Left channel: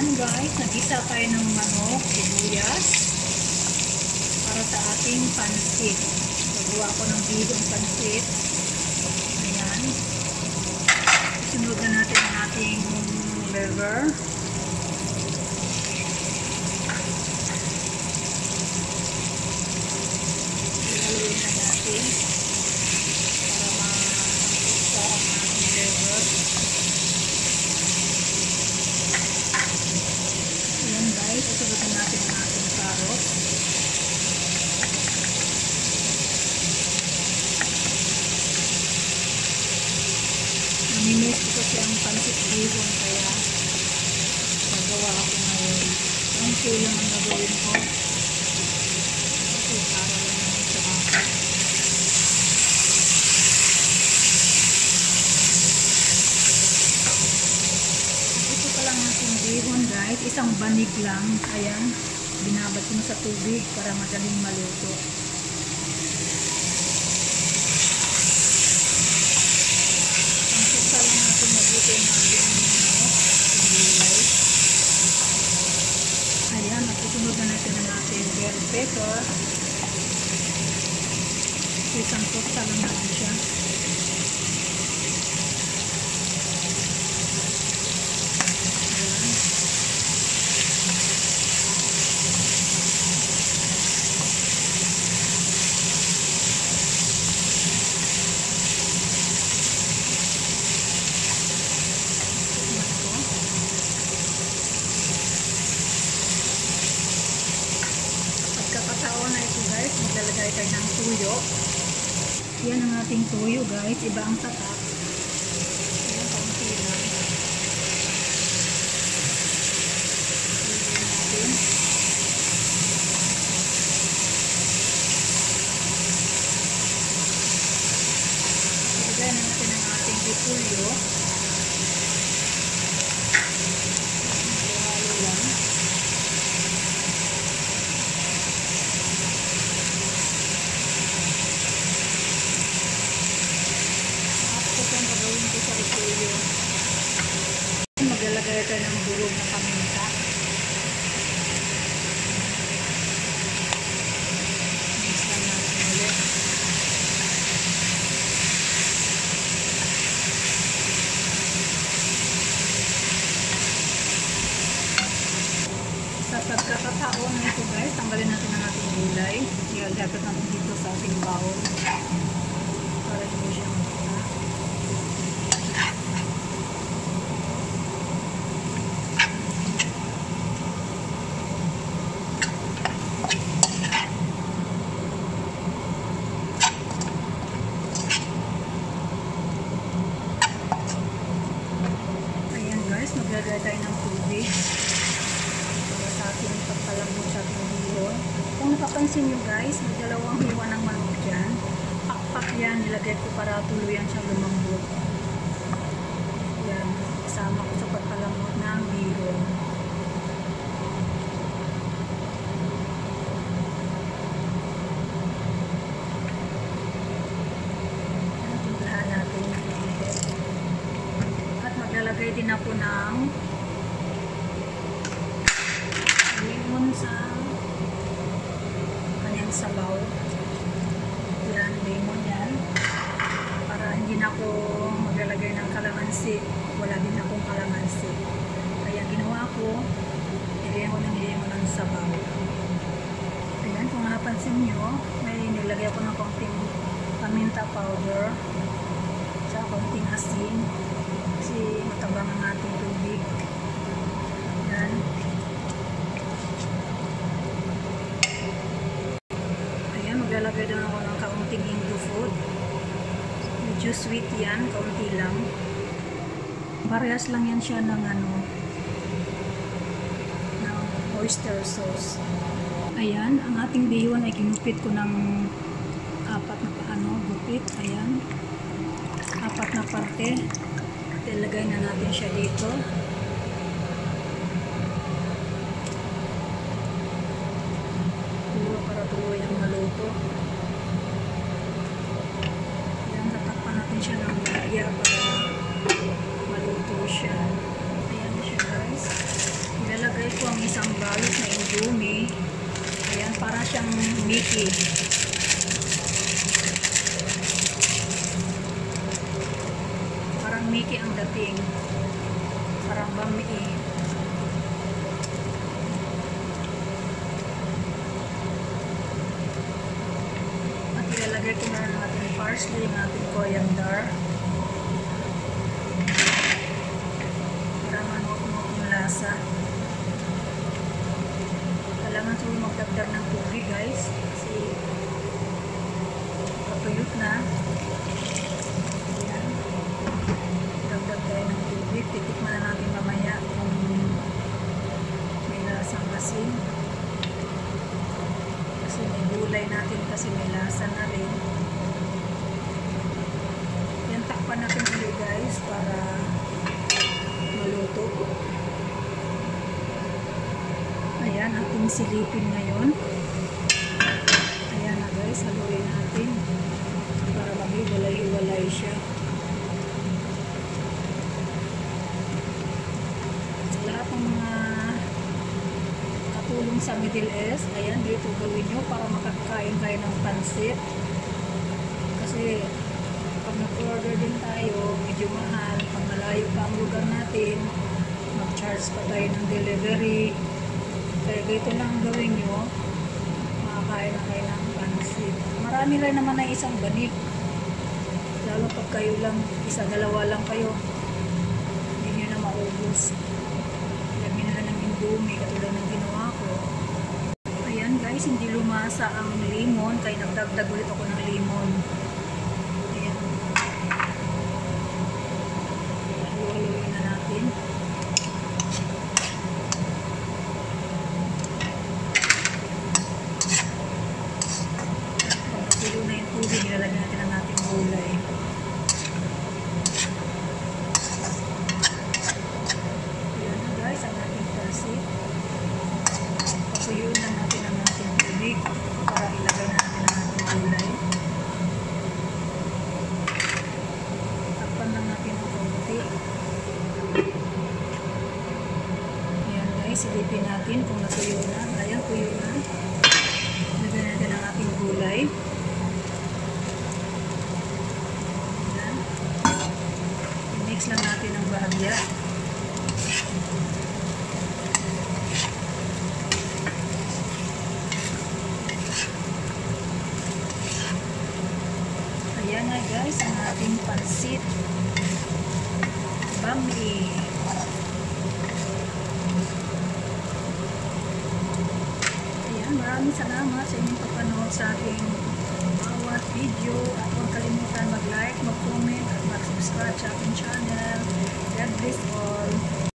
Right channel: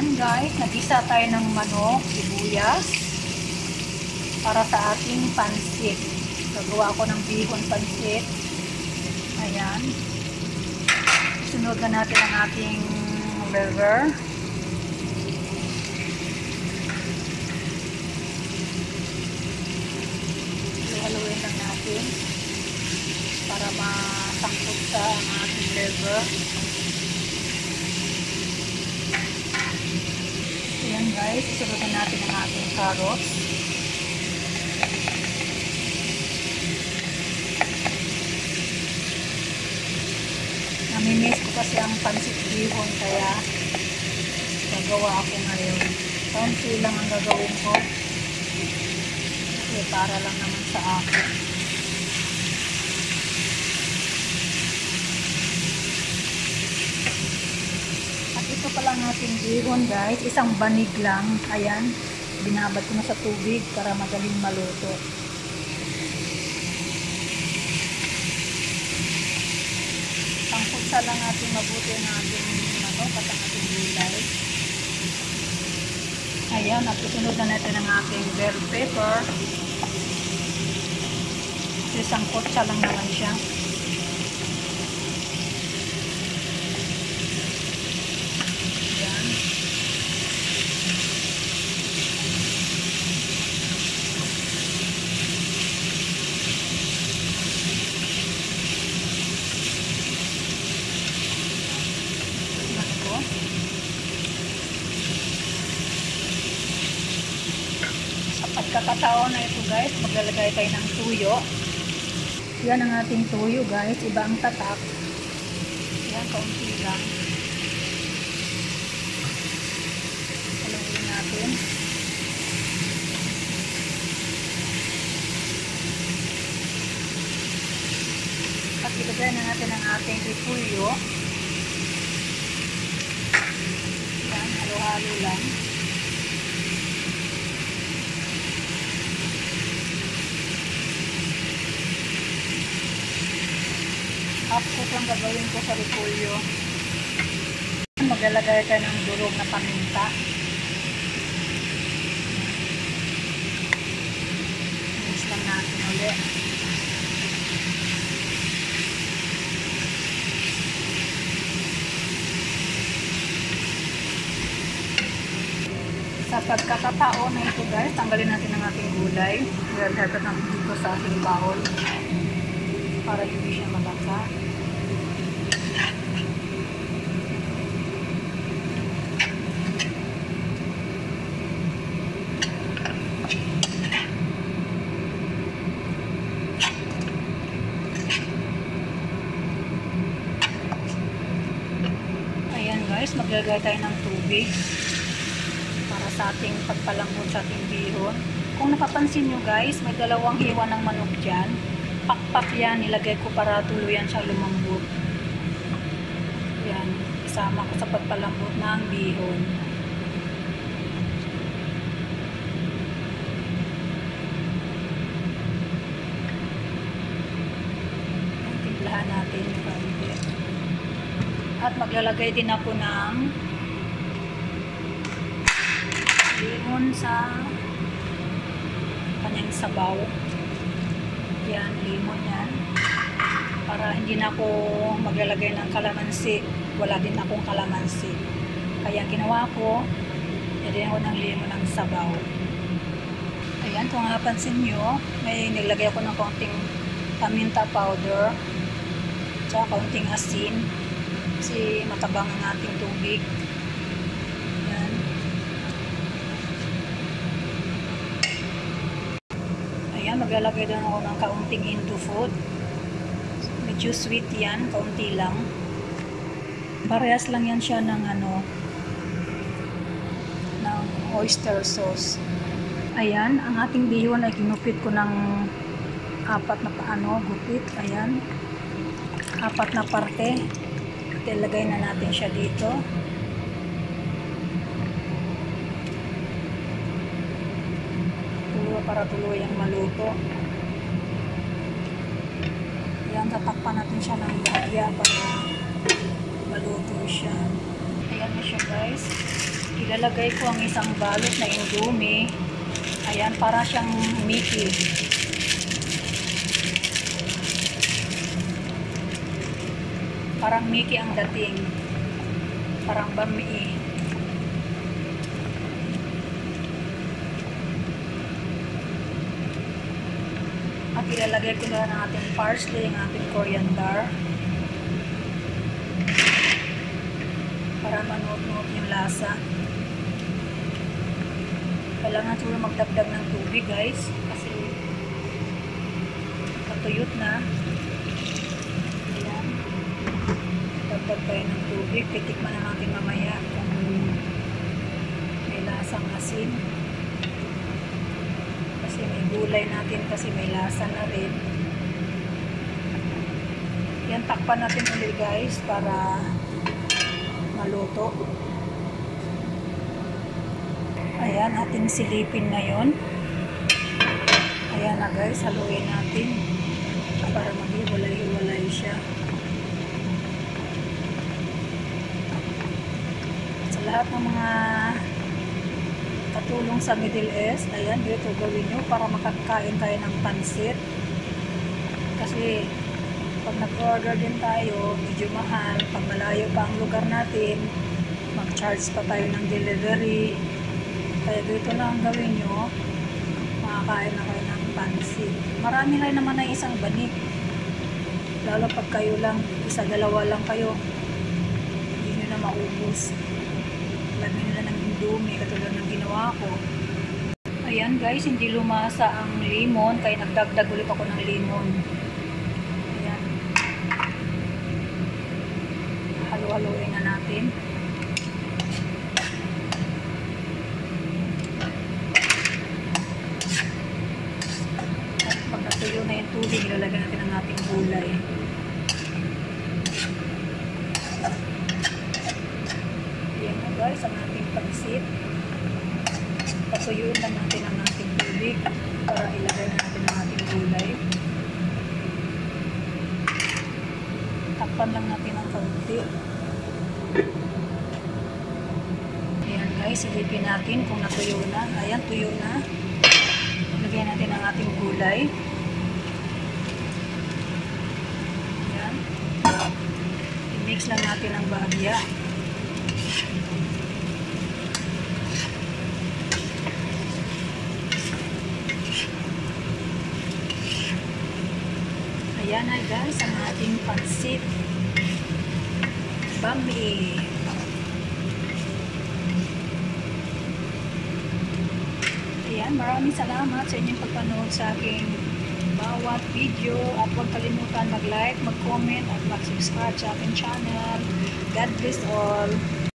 Ayan guys, nag-isa tayo ng manok, sibuyas para sa ating pansit. Gagawa ako ng bihon pansit. Ayan. Isunod na natin ang ating liver. Haluin lang natin para masangkot sa ating liver. Ayan guys, isunod na natin ang ating carrots. Namimiss ko kasi ang pansit bihon kaya gagawa ako ngayon. Konti lang ang gagawin ko. Kasi para lang naman sa akin. At ito pala ang ating bihon guys. Isang banig lang. Ayan. Binabad ko na sa tubig para madaling maluto. Pangkutsa lang natin mabuti ang ating manok at ang ating gulay. Ayan, at susunod na natin ang ating bell pepper. Isang kutsa lang naman siya. Ayan. Pagkakataon na ito guys, maglalagay tayo ng tuyo. Yan ang ating tuyo guys, iba ang tatak. Ayan, kaunti lang. Haluin natin. At ilagay na natin ang ating repolyo. Ayan, halo-halo lang. Half-cook lang gagawin ko sa repolyo. Maglalagay tayo ng durog na paminta. Mix lang natin ulit. Sa pagkakataon na ito guys, tanggalin natin ang ating gulay. Ilalagay natin dito sa ating bowl para hindi siya malata. Maglagay tayo ng tubig para sa ating pagpalambot sa ating bihon. Kung napapansin nyo guys, may dalawang hiwa ng manok dyan. Pakpak yan, nilagay ko para tuluyan siya lumambot. Yan, isama ko sa pagpalambot ng bihon. Timplahan natin ng kaunti. At maglalagay din ako ng lemon sa kanyang sabaw. Yan, lemon yan. Para hindi na ako maglalagay ng kalamansi. Wala din akong kalamansi. Kaya ginawa ko, nilagyan ko ng lemon ng sabaw. Ayan, kung napansin nyo, may nilagay ako ng kaunting paminta powder. Tsaka kaunting asin. Kasi matabang ang ating tubig. Yan. Ayan, maglalagay doon ako ng kaunting Indo food. Medyo sweet yan, kaunti lang. Parehas lang yan siya ng ng oyster sauce. Ayan, ang ating bihon ay kinupit ko ng apat na gupit. Ayan. Apat na parte. Ilagay na natin siya dito. Para tuluyang maluto. Ayan, tatakpan natin siya ng bahagya para maluto siya. Ayan na siya guys. Ilalagay ko ang isang balot na indomie. Ayan, para siyang Mickey. Parang Mickey ang dating. Parang bami. At ilalagay ko na ang ating parsley, ang ating coriander. Para manuot-nuot yung lasa. Kailangan siguro magdagdag ng tubig, guys. Kasi patuyot na. Ayan. Dagdag tayo ng tubig. Titikman na natin mamaya kung may lasang asin. Kasi may gulay natin kasi may lasa na rin. Yan, takpan natin ulit, guys, para maluto. Ayan, ating silipin ngayon. Ayan na, guys, haluin natin para maghiwalay-hiwalay siya. Sa lahat ng mga katulong sa Middle East, ayan, dito gawin nyo para makakain kayo ng pansit. Kasi pag nag-order din tayo, medyo mahal. Pag malayo pa ang lugar natin, mag-charge pa tayo ng delivery. Kaya dito lang gawin nyo, makakain na kayo ng pansit. Marami lang naman na isang banig. Lalo pag kayo lang, isa, dalawa lang kayo, hindi nyo na maubos. Lagyan nila ng indomie, katulad ng ginawa ko. Ayan, guys, hindi lumasa ang lemon, kaya nagdagdag ulit ako ng lemon. Ayan. Halu-haluin na natin. Tuyo na yung tubig, ilalagay natin ang ating gulay. Ayan na, guys, ang ating pansit. Patuyuin lang natin ang ating tubig para ilagay na natin ang ating gulay. Takpan lang natin ang kaunti. Ayan, guys, silipin natin kung natuyo na. Ayan, tuyo na. Ilagay natin ang ating gulay. I-mix lang natin ang bahagya. Ayan na, guys, ang ating pansit bami. Ayan, maraming salamat sa inyong pagpanood sa aking bawat video, at huwag kalimutan mag-like, mag-comment at mag-subscribe sa aking channel. God bless all.